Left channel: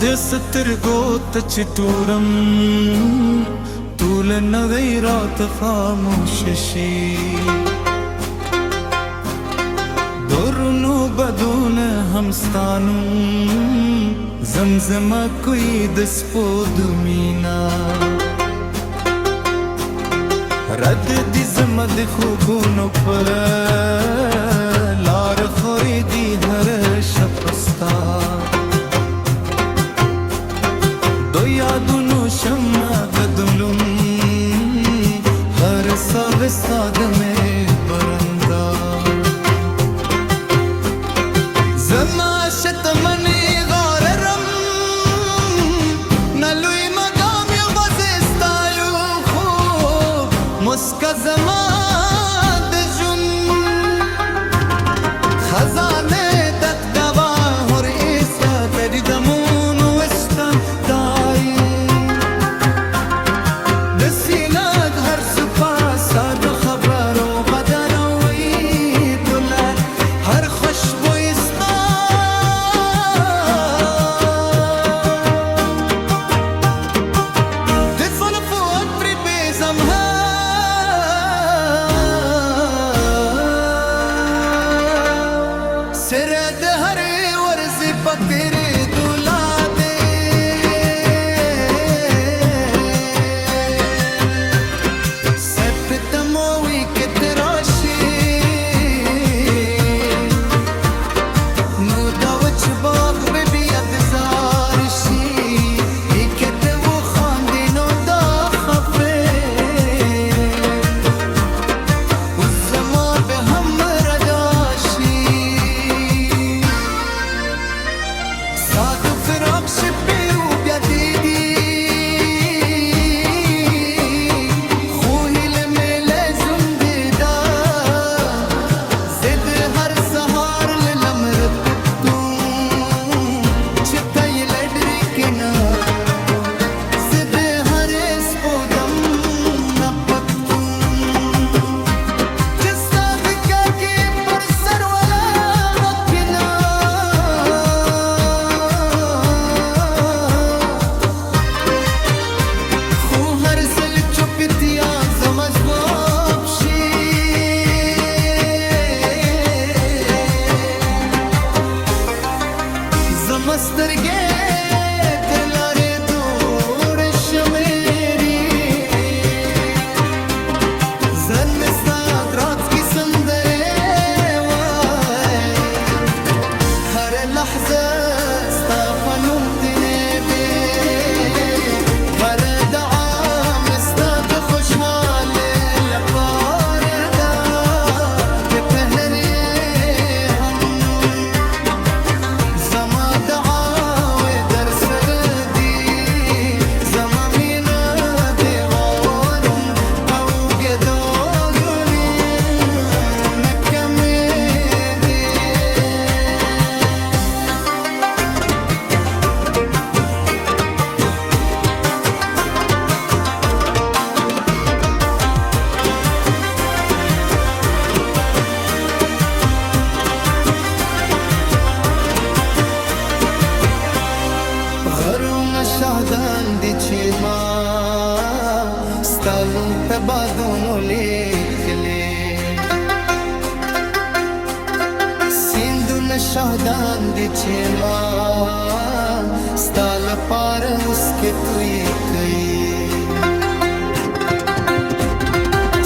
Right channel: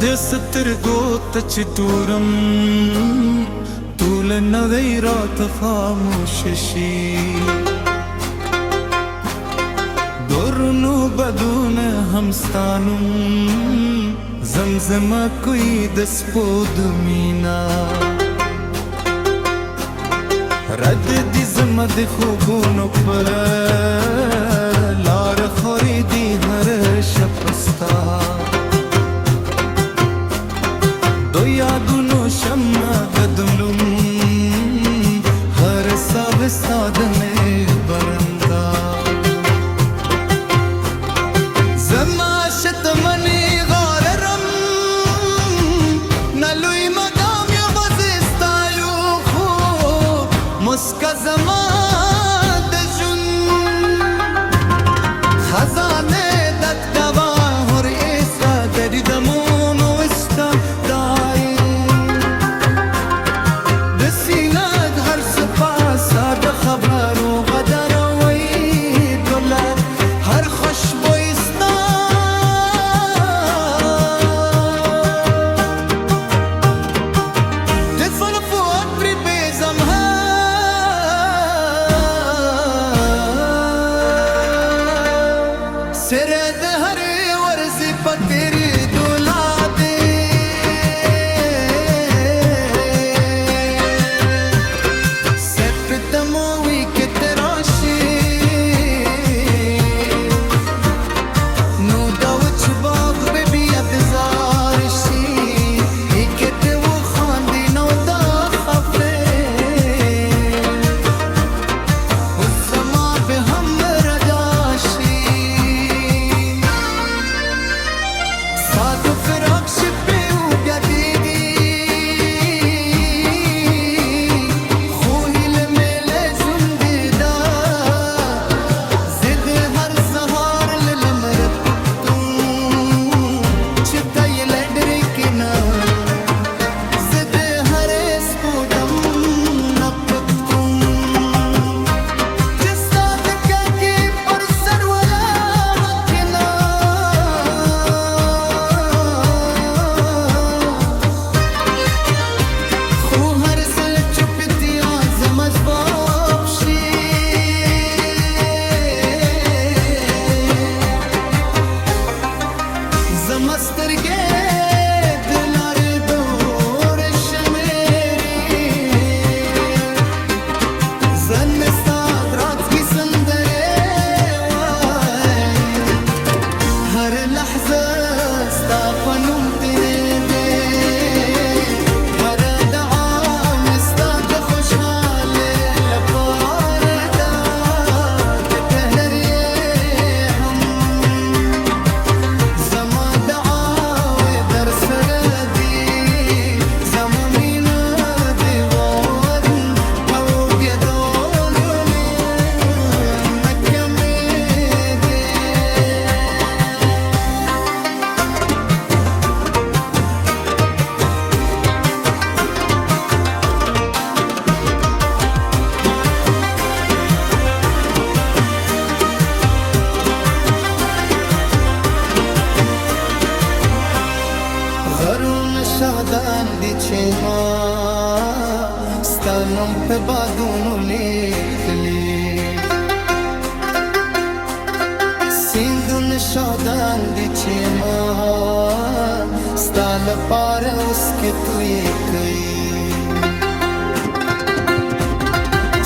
د سترګو ته چې تورم طول نوی رات خاموش شي دورونو بدون همستانم زمزمه کوي د سپوږمینا رد دي زما د خوبونو پر لار خوري دي هر شپستا دو یادونو شمع گدلم هر سال ساد میں برندا زما شتمنی غاررم نلوی مقام یوازستایو خو مسکا زما دجون خزانه دت دوا هر ایسا تری دمون وستا ساد خبرو غدر وی دولار هر خوشبوی ستا تدفل فوق پری بیزم ها سرد هر ورزی پتری سترګې د لارې دور شمیري زن مې ستا رات کې سندرې وای هر لحظه ستا په نوم تېرېدې هر دعا مې ستا د خوشحالۍ لپاره ده د پهر شهدان دي چې ما ستا نوم په بادونو لیکلي سیندونه شهدان دي چې ما ستا لپاره اوس کې توی کوي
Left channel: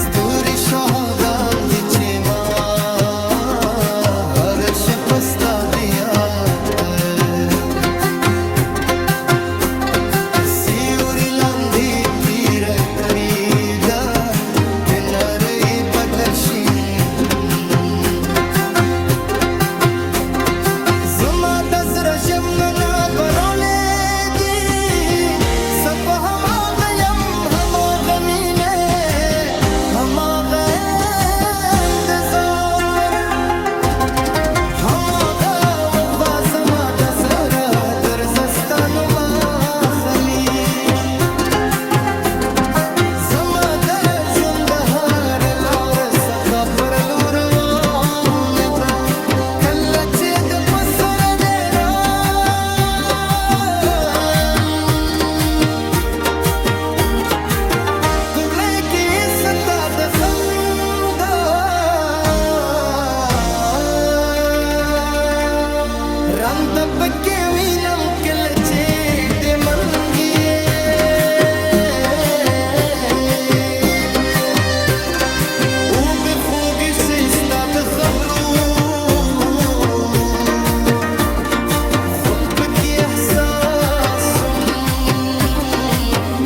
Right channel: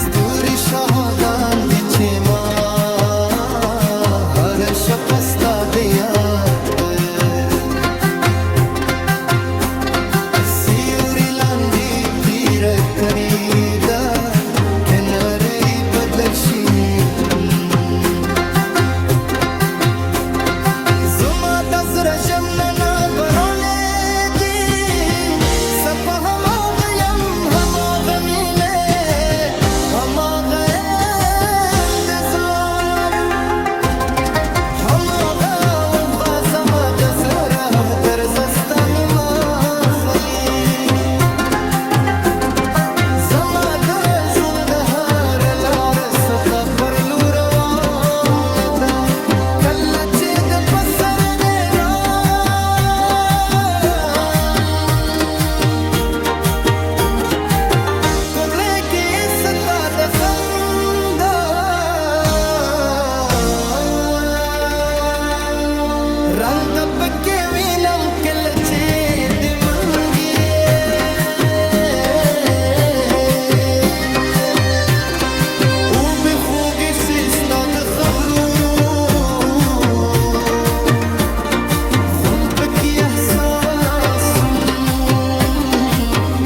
ستوري شهدان دي چې ما هر شپه ستا د یاد خریدا کنارې بدل شي زما د زړه ژمنه برولې دي سپه هماغه یم هماغه مینه هماغه انتظار هماغه وفا زما د زړه درزستانو ما خلی پر لور وانه ده کله چې د پسر دی را के वीनम किलचे दे मंगिए وبخوقي سيستات خبرو خنبك يا احساس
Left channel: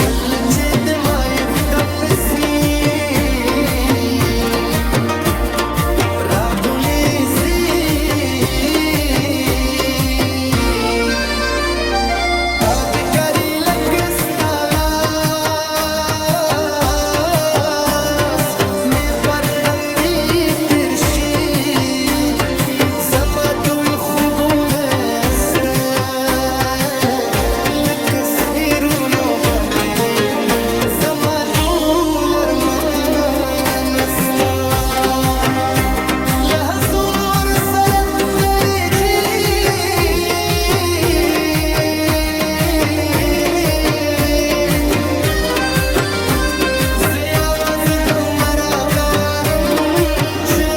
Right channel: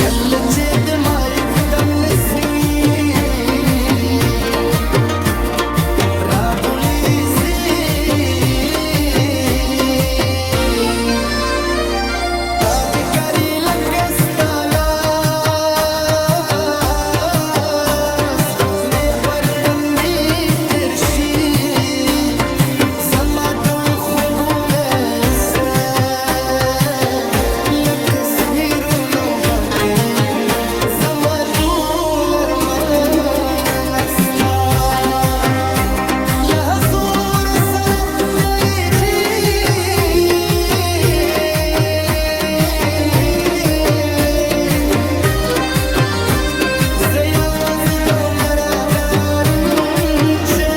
قلتي دماي قدام نسيم راقولي زين تاج كاري لك استالاس مي پرتندي ترشي زمادوي خوبونسته لك سهيرونو باندي زمادول ارمان نستا لهزور سر دريجي زي आवाज तो मरा गारंचे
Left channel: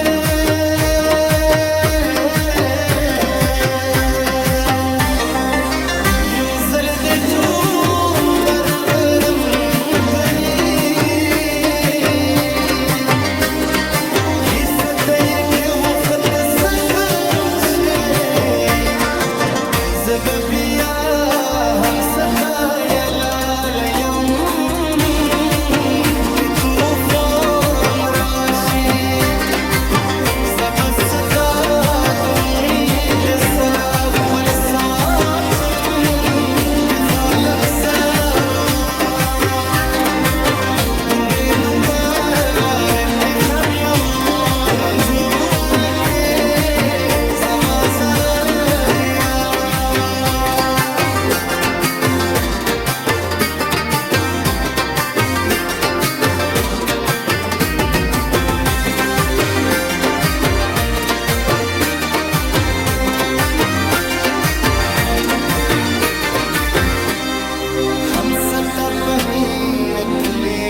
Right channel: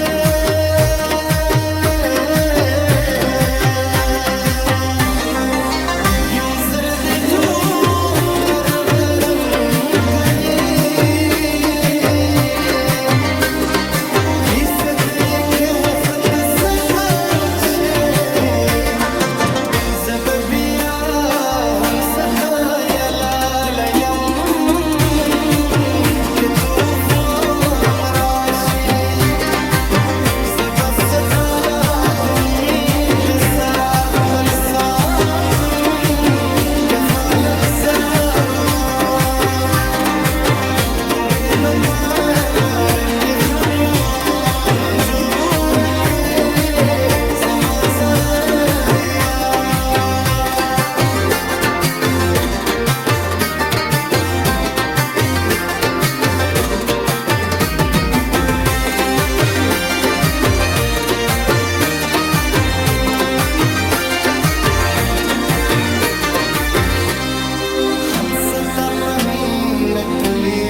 युजल दे चूम दरबरम करी किसत ये के वक्त सफचे زببيا हम सता या लालयम के तूफान राशि زبستا दुमीद सराग बलसातम के खालब सरमा बुंदेन पाला रखे खनमो नजूर के समा सररिया हम सता पहनीन कुली